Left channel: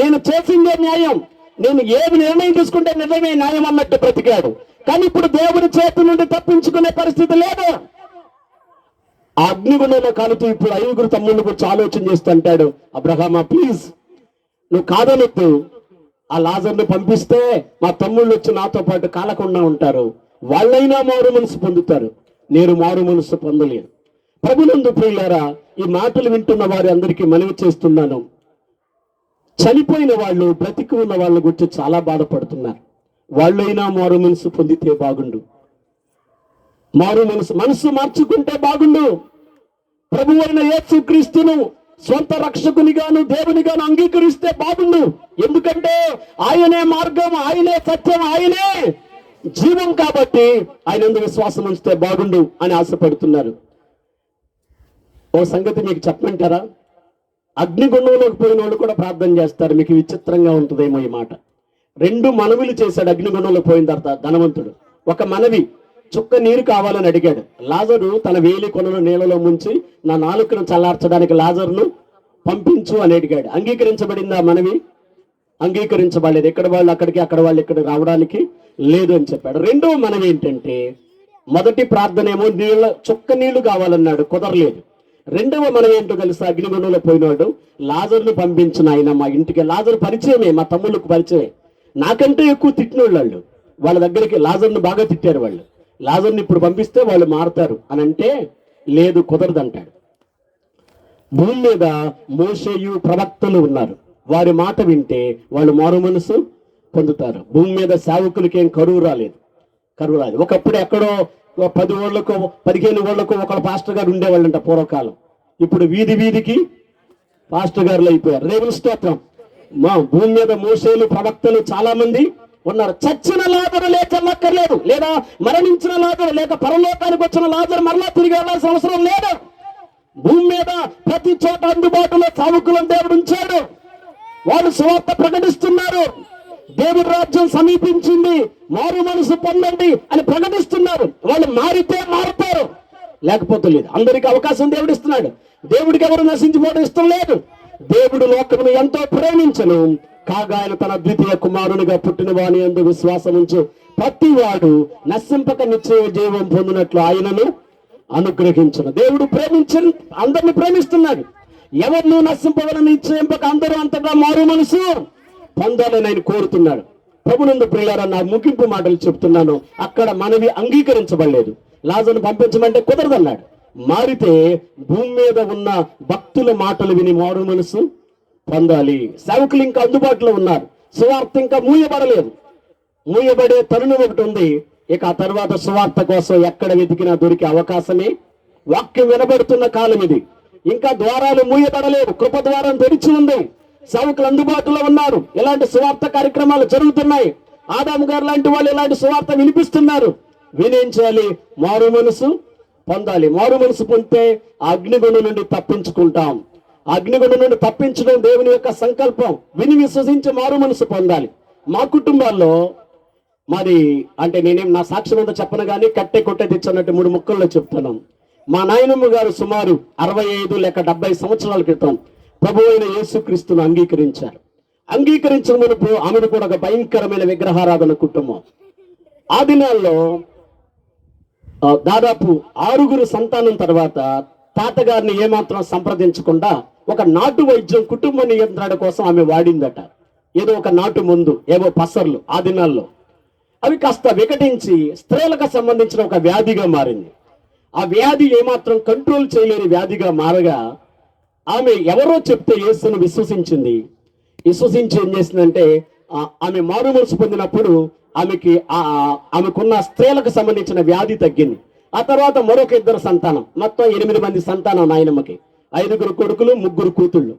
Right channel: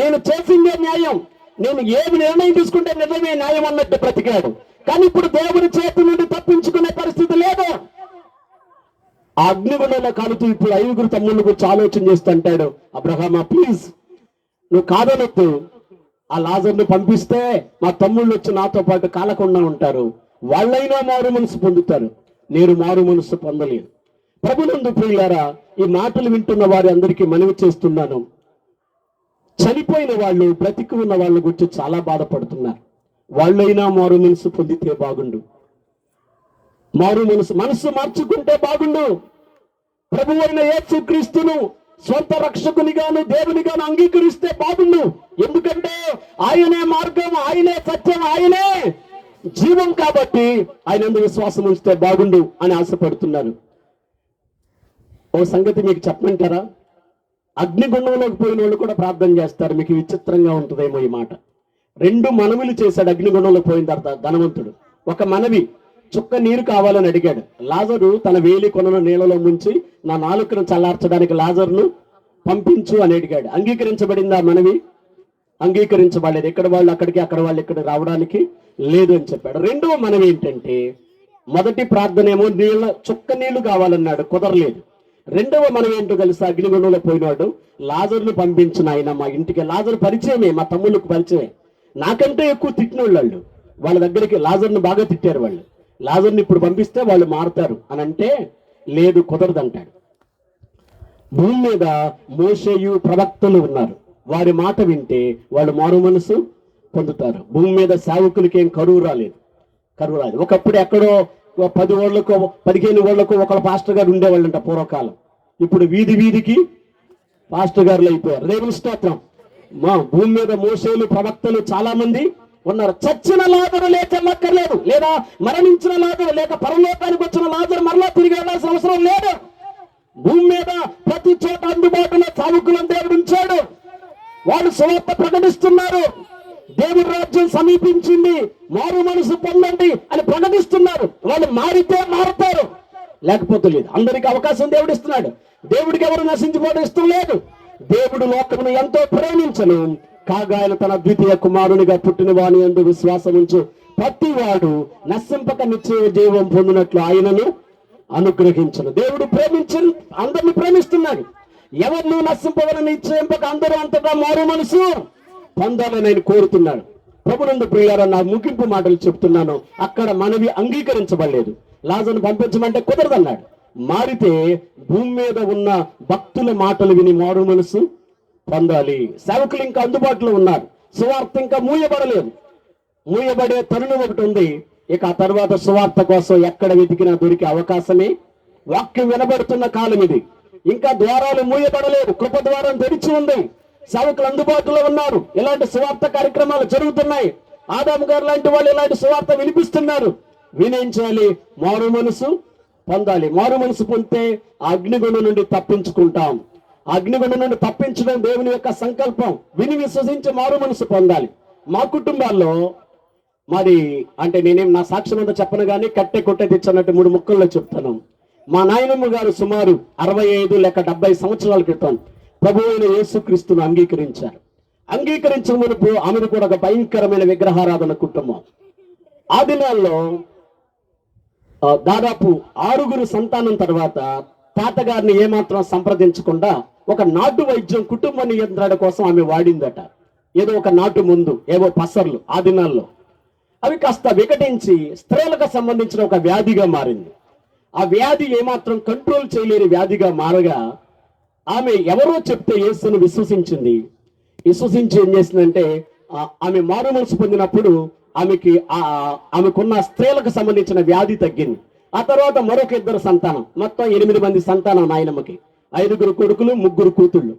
నేను చేసిందే న్యాయం. నేను ఏది నిర్ణయం తీసుకుంటే నిజమే న్యాయం అన్నట్టు బ్రతికాడు. కానీ ఇప్పుడు దేవుని చేతి నుండి తప్పించుకునే పరిస్థితి లేదు. ఆ అగ్నిగుణంలో కాలుతూ ఇప్పుడు ఐదుగురు తమ్ముళ్ళ గురించి ఆలోచన చేస్తూ అంటాడు అబ్రహామా ప్లీజ్ నువ్వు కాదనొద్దు. ఆ లాజర్ని పంపిస్తే మా తమ్ముళ్ళు వచ్చి నాతో పాటు కాలకుండా ఉంటారు. వాళ్ళైనా మారు మనసు పొందుతారు. నేను మారు మనసు పొందలేను ప్రభునందు ప్రియులారా ఈ మాటలు వింటున్న వారి అందరికీ మనవి చేస్తున్నాను. చనిపోయిన వాళ్ళు బ్రతికి ఉన్న వాళ్ళ గురించి చాలా బాధపడుతున్నారు. వాళ్ళైనా మారు మనసు పొందితే బాగుండు. మారు మనసు మనసు మార్చుకుంటే బాగుండు. ప్రభు అయిన యేసు క్రీస్తును సొంత రక్షకునిగాను దేవునిగాను అంగీకరిస్తే బాగుండు. ఎందుకంటే ఆయనే మార్గం ఆయనే సత్యం ఆయనే జీవం కాబట్టి ఆయన ఎందుకు విశ్వాసం ఉంచితే బాగుండు అని ఆశపడుతున్నారు. ఓ సంగతి మీకు చెప్పమంటారా? అగ్నిగుండంలోకి పోయిన వాళ్ళు కూడా ప్రార్థన చేస్తారు. మీకు విచిత్రంగా ఉంటుందేమో ఈ మాట. రెండు మనవులు చేశాడు అగ్నిగుండంలో పోయిన తర్వాత ధనవంతుడు. ఒక మనవి చుక్క నీరు కావాలని అడిగాడు. లాజరు తన వేలి కొనను నీళ్ళలో ముంచి నా నాలుకను చల్లార్చడానికి లాజర్ను పంపించు అని అడిగాడు. అంగీకరించబడింది ఆ మనవి? అంగీకరించబడలేదు. ఎక్కడ వాళ్ళు అక్కడికి అక్కడ వాళ్ళు ఇక్కడ రావడానికి లేదు అని చెప్పాడు. రెండవ మనవి ఏంటంటే మొదటి ప్రార్థన ఏమో నీళ్ళ చుక్క నీళ్ళు కావాలన్నాడు. కుదరలేదు. రెండవ మనం ఏంటో తెలుసా? అగ్నిగుండంలో పోయినాడు లాజర్ను పంపించిన ఆయన మా ఇంటికి. లాజర్ పరిచయమే మా తమ్ముళ్ళకు పరిచయం నాకంటే ఎక్కువ తిట్టినోళ్ళు వాళ్ళు. వాళ్ళ దగ్గరికి లాజర్ను బాగా తిట్టారు వాళ్ళు. లాజర్ని ఇప్పుడు పంపిస్తే వాళ్ళు మారుతారు అని అంటే లేదు కుదరదంటాడు భూమి మీద మోసేయు ప్రవక్తలు ఉన్నారు. వారి మాట వింటే వాళ్ళు మారు మనసు పొందుతారు. భూమి మీద సావుకులకి ఏం కరువు రాలేదు. కరువు రాలేదు. ఒకప్పుడు ఎక్కడో పది ఓళ్ళకు పదిహేను ఓళ్ళకు ఒకళ్ళ పాస్టర్ గారు ఉండేవాళ్ళంట పూర్వకాలం. ఇప్పుడు వీధి వీధికి పాస్టర్ గారులు అయిపోయారు. రేవుల స్తోత్రం. మా భూమి మీద మోసేలు ప్రవక్తలు చాలా మంది ఉన్నారు. చచ్చిన లాజరు లేచల్లక్కర్లేదు లేదా మరణించిన లాజరు లేక పరలోకానికి వచ్చిన లాజరు మరలా తిరిగి వెళ్ళాల్సిన అవసరం లేదు. భూమి మీద ప్రతి చోట అందుబాటులో సావుకులను దేవుడు ఉంచాడు. వాళ్ళు సువార్త ప్రకటిస్తున్నారు. దేవుడి రాజ్యం సమీపించింది. మారు మనసు పొందండి అని ప్రకటిస్తున్నారు. వాళ్ళు మారితే మారుతారు. లేకపోతే లేదు. అందరికి అవకాశం దేవుడు ఇస్తున్నాడు. దేవుడికి ఎవరు నశించిపోవడం ఇష్టం లేదు. దేవుడు లోకమును ఎంతో ప్రేమించను. కాగా ఆయన తన ద్వితీయ కుమారునిగా పుట్టిన వాని ఎందు విశ్వాసం ఉంచు. ప్రతి వాడు నశింపక నిశ్చయ జీవం పొందినట్లు ఆయనను అనుగ్రహించను. దేవుడు ప్రేమించి అందరిని ప్రేమిస్తున్నాడు. ఎవరిని నశింపవలని నిశ్చయింపక అందరూ అంతటా మారు మనసు. పొందాలని ఆయన కోరుతున్నాడు ప్రభునందు ప్రియారా నా ముగింపు మాటలు చెప్తున్నాను. అక్కడ మనవి అంగీకరించబడలేదు. లాజను పంపించమంటే కుదరదన్నాడు. మారితే భూమి మీద ఉన్న భక్తుల మాటలు విని మారు మనసు పొందాలి. సేవకులు ఇంకా అందుబాటులో ఉన్నారు. సువార్త ఇంకా మూయబడలేదు. మూయబడే తరుణం ఒకటి ఉంది. ఇక ఆ తర్వాత సువార్త కోసం ఎక్కడ వెతికినా దొరికే అవకాశమే. వాక్యం వినబడుతున్న కాలం ఇది. ఇంకా ద్వారాలు మూయబడలేదు. కృప ద్వారం తెరిచి ఉంది. సేవకులు అందుబాటులో ఉన్నారు. ఇలాంటి సువార్త కార్యక్రమాలు జరుగుతున్నాయి. ఆదాము గారు లాంటి వాళ్ళు ఇలాంటి సువార్త వినిపిస్తున్నారు. వినేం మారు మనసు పొందాలి. మారు మనసు పొందితే ఆ అగ్నిగుణం నుండి తప్పించుకుంటాం. ఆ అగ్నిగుణం నుండి తప్పించడం దేవుని యొక్క సంకల్పం. విని విశ్వసించి మారు మనసు పొందాలి. మా కుటుంబాల్లో మరి అంటే నేనేం నా సాక్ష్యం అంతా చెప్పను కానీ కట్టె కొట్టే తెచ్చన్నట్టు మూడు ముక్కల్లో చెప్తున్నాం. మా నాయనమ్మ గారు సుమారు అరవై ఐదు లేక డెబ్బై సంవత్సరాల క్రితం ప్రభు అయిన యేసుక్రీస్తును అంగీకరించారు. అంగీకరించిన ఆమెను కూడా ఒక భయంకరమైన విగ్రహారాధన కుటుంబం. ఆ దినాల్లో దాదాపు ఆరుగురు సంతానం తర్వాత తాతగారిని ఏమాత్రం సంప్రదించకుండా ఒక నాటు వైద్యం కుటుంబ నియంత్రణ కోసం ఆమె వాడిందట. ఏదో ఒక నాటు మందు ఏవో పసర్లు ఆ దినాల్లో. అవి కాస్త వికటించి స్త్రీలకు సంబంధించిన ఒక వ్యాధిగా మారింది. ఆ వ్యాధి ఏమాత్రం కంట్రోల్ చేయలేని వ్యాధిగా మారగా ఆమె ఎవరో చెప్తే యేసును విశ్వసించింది. విశ్వసించి ఏం చేసిందంటే ఆమె మారు మనసు పొందినప్పుడు ఆమెకి ఆమెకున్న స్త్రీలకు సంబంధించిన వ్యాధి తగ్గింది. ఆ తర్వాత మరొక ఇద్దరు సంతానం మొత్తం ఎనిమిది మంది సంతానం నాయనమ్మకి ఐదుగురు కొడుకులు ముగ్గురు కూతుళ్ళు.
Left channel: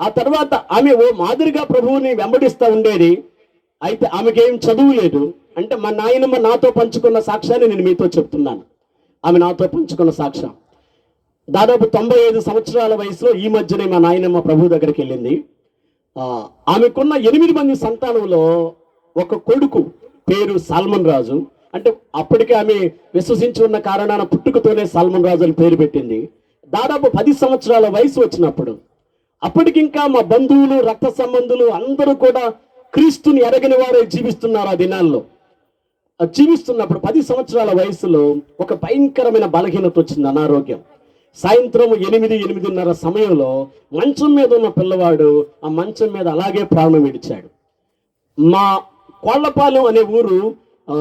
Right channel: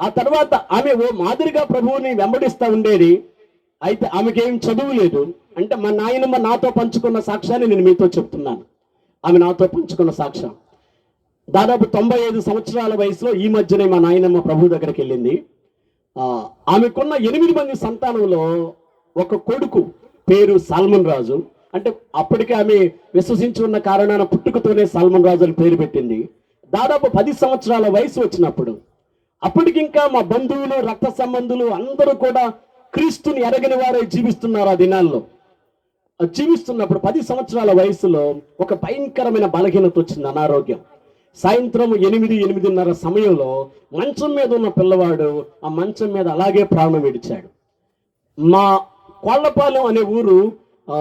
ఆ తర్వాత ఆమె ఓ మాదిరిగా ప్రభువుని వెంబడిస్తా ఉండేది. అయితే ఆమెకి ఏం చదువు లేదు. అంటే మా నాయనమ్మ నాతో పంచుకున్న సాక్ష్యాన్ని నేను మీతో చెప్తున్నాను. ఆమె నాతో పంచుకున్న సాక్ష్యం. దాదాపు తొంభై ఐదు సంవత్సరాల వయసులో ఈ మధ్యనే మా నాయనమ్మ ప్రభు దగ్గరికి వెళ్ళింది. ఆమెకున్న ఎనిమిది మంది సంతానంలో ఒక కొడుకు పేరు సాల్మన్ రాజు. అంటే అప్పటికే ఆమె విశ్వసించి ఉన్న కారణాన పుట్టుకతోనే సాల్మన్ రాజు అని పేరు పెట్టింది. దాదాపు పది సంవత్సరాల వయసు వచ్చినప్పుడు అప్పటికింకా మా బంధువులు రక్త సంబంధులు అందరూ కూడా క్రీస్తుని ఎరగని వారే జీవిస్తున్నారు ఆ దినాల్లో. జీవిస్తున్నప్పుడు పది సంవత్సరాల వయసులో ఒక భయంకరమైన బలహీనత వచ్చింది అనారోగ్యం. సాయంత్రం ఎనిమిది ఎనిమిదిన్నర సమయంలో మంచం మీద ఉన్న పిల్లవాడు ఆ మంచం మీద అలాగే ప్రాణం విడిచాడు. మా కోళ్ళపాలెం అనే ఊరు ఆ,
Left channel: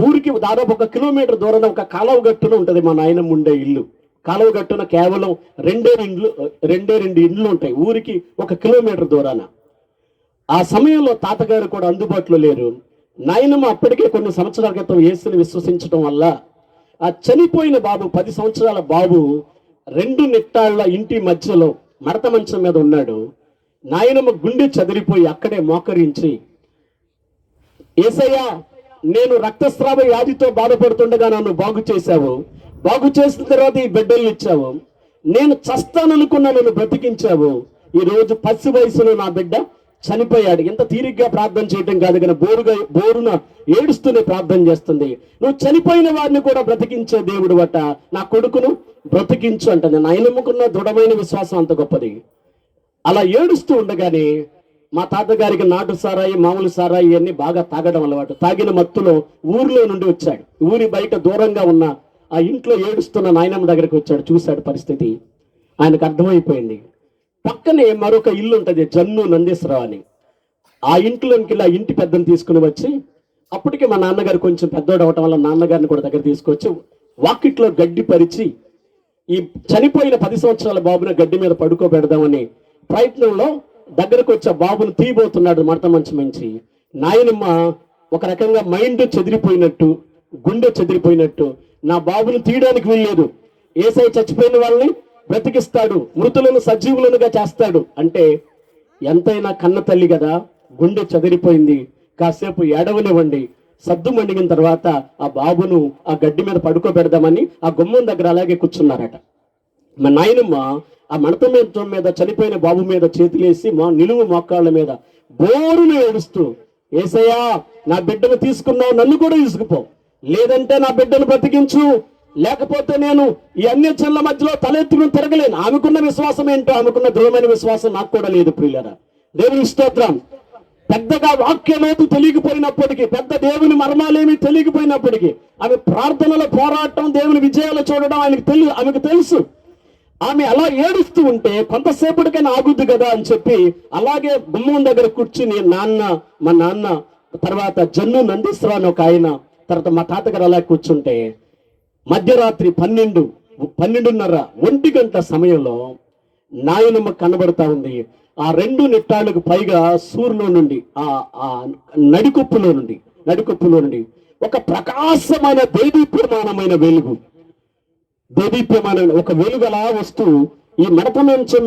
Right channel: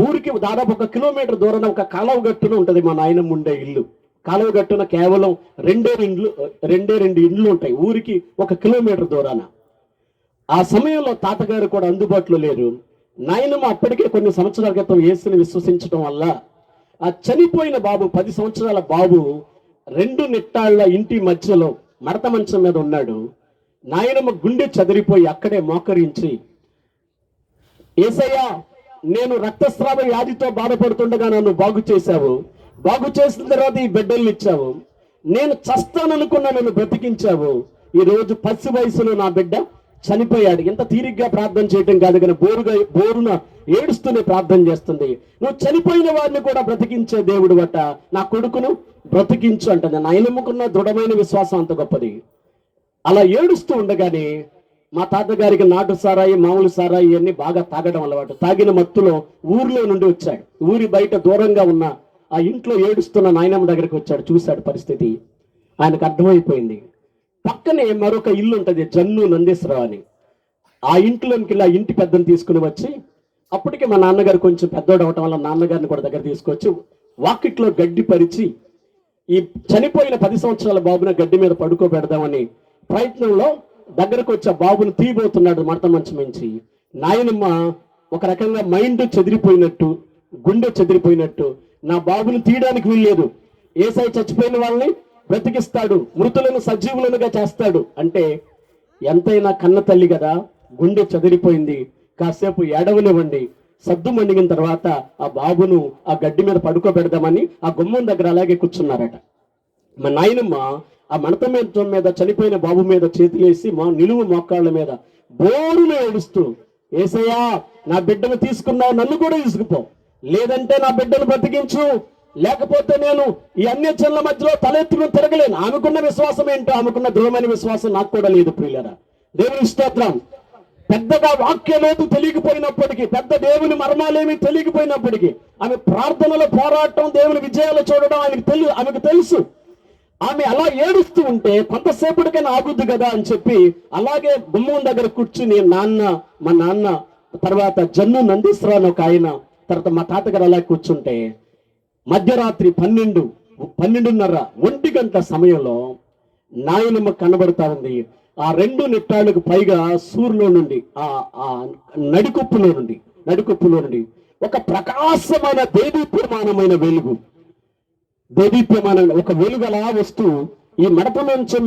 ఊరికి దాదాపు ఒక కిలోమీటర్ దూరం ఒక కాలువ గట్టున ఉంటుంది మా నాయనమ్మ ఉండే ఇల్లు. కాలువ గట్టున కేవలం రెండే ఇండ్లు రెండే రెండు ఇండ్లు ఉంటాయి. ఊరికి ఒక కిలోమీటర్ దూరాన. ఆ సమయంలో తాతగారు కూడా అందుబాటులో లేరు. నాయనమ్మ అప్పటికే కొన్ని సంవత్సరాల క్రితం యేసుని విశ్వసించడం వల్ల ఆ చనిపోయిన బాబు పది సంవత్సరాల బాబు రెండు నిట్టాళ్ళ ఇంటి మధ్యలో మడత మంచం మీద ఉన్నాడు. నాయనమ్మ గుండె చదిరిపోయి అక్కడే మోకరించి ఏసయ్యా నేను రక్తస్రావ వ్యాధితో బాధపడుతుండగా నన్ను బాగు చేశావు. బాగు చేసిన తర్వాత ఈ బిడ్డల్ని ఇచ్చావు. నేను చస్తాననుకున్న నన్ను బ్రతికించావు. ఈరోజు పసి వయసులో నా బిడ్డ చనిపోయాడు. ఎంత తీరిగ్గా ప్రార్థన చేయటం కాదు కానీ బోరుగా బోరున ఏడుస్తూనే ప్రార్థన చేస్తుంది. నువ్వు చనిపోయిన వారిని కూడా బ్రతికించే దేవుడు బట్ట నా కొడుకును బ్రతికించు అంటుంది. నా నమ్ముకున్న దృఢమైన విశ్వాసం అంత గొప్పది. అలా ఏడుస్తూ ఉండగానే మా తాతగారికి నాటు సారాయి మామూలు సారాయి అన్ని బాగా తాగడం అలవాటు తాగిన మత్తులో ఊరిలో నుండి వచ్చాడు. ఊరి బయట దూరంగా ఉన్న ఆ ఇంట్లో ఏడుస్తున్న నాయనమ్మ దగ్గరికి వచ్చాడు. చూశాడు పరిస్థితి. ఆయనకు అర్థమైపోయింది. పక్కనే మరొక ఇల్లు ఉంటుంది జన్ను నందీశ్వరరావు అని ఆ ఇంట్లోకి వెళ్ళి ఆ ఇంటి పెద్దని తీసుకుని వచ్చి అప్పటికే మా నాన్నగారు కొంచెం పెద్దోడు అవటం వల్ల నాన్నగారిని కూడా దగ్గర తీసుకొచ్చి వాకిట్లో గడ్డి పరిచి ఈ చనిపోయిన పది సంవత్సరాల బాబుని గడ్డి మీద పడుకోబెడదామని ప్రయత్నంలో దగ్గరకు వచ్చే బాబుని తీయబోతున్నాడు మడత మంచి మంచి. నాయనమ్మ ఒక రకంగా మైండ్ చెదిరిపోయినట్టు గుండె చెదిరిపోయినట్టు నా బాబుని తీయడానికి వీల్లేదు. ఏసై చచ్చిపోయిన వాళ్ళని బ్రతికిస్తాడు మృతులను సజీవులనుగా చేస్తాడు. అంటే ఎంతైనా కన్న తల్లి కదా గుండె చెదిరిపోయింది. కాసేపు ఏడవనివ్వండి. సద్దు మండిగిన తర్వాత ఆ బాబును ఆ గడ్డి మీద పడుకోబెడదామని ఆ గుమ్మం దగ్గర అలాగే కూర్చున్నారట. మా నాయనమ్మ ఆ మడత మీద మీద చనిపోయిన బాబు మీద చేతిలేసి మా నిలువు మోకాళ్ళ మీద బోరును ఏడుస్తూ ఏసయ్యా నా బిడ్డను తీసుకున్నావు నన్ను కూడా తీసుకుపో. లేదంటే నా బిడ్డను బ్రతికించు. లేకపోతే నేను ఈ అన్ని జన్ల మధ్యలో తలెత్తుకుని తిరగలేను. ఆమెకున్న విశ్వాసం ఏంటో ఆమెకున్న దృఢమైన విశ్వాసం నాకు కూడా లేదు ప్రియులరా. దేవుని స్తోత్రం. పెద్దగా వాక్యమేది తెలియకపోయినప్పటికీ పెద్ద దేవుని మర్మాలేమి తెలియకపోయినప్పటికీ ఆమె ప్రార్థనల పోరాటం దేవుని విజయాలు చూడడం ఆయనకు తెలి ఆమెకు తెలుసు. ఆమె అలా ఏడుస్తూ ఉంటే కొంతసేపటికైనా ఆగుద్ది కదా అని చెప్పి అలాగే గుమ్మం దగ్గర కూర్చుని నాన్న మా నాన్న తర్వాత జన్ను నందీశ్వరా ఒక ఆయన తర్వాత మా తాతగారు అలా కూర్చుంటే మధ్యరాత్రి పన్నెండు పన్నెండున్నర ఒంటి గంట సమయంలో నాయనమ్మ కనబడతా ఉంది. ఆ రెండు నిట్టాలకు పైగా సూర్యులో నుండి ఆ ఆ నడికొప్పులో నుండి నడికొప్పులో నుండి ఒక ప్రకాశమైన దేదీప్యమానమైన వెలుగు. దేదీప్యమైన ఒక వెలుగు అలా వస్తూ ఈ మడత మంచం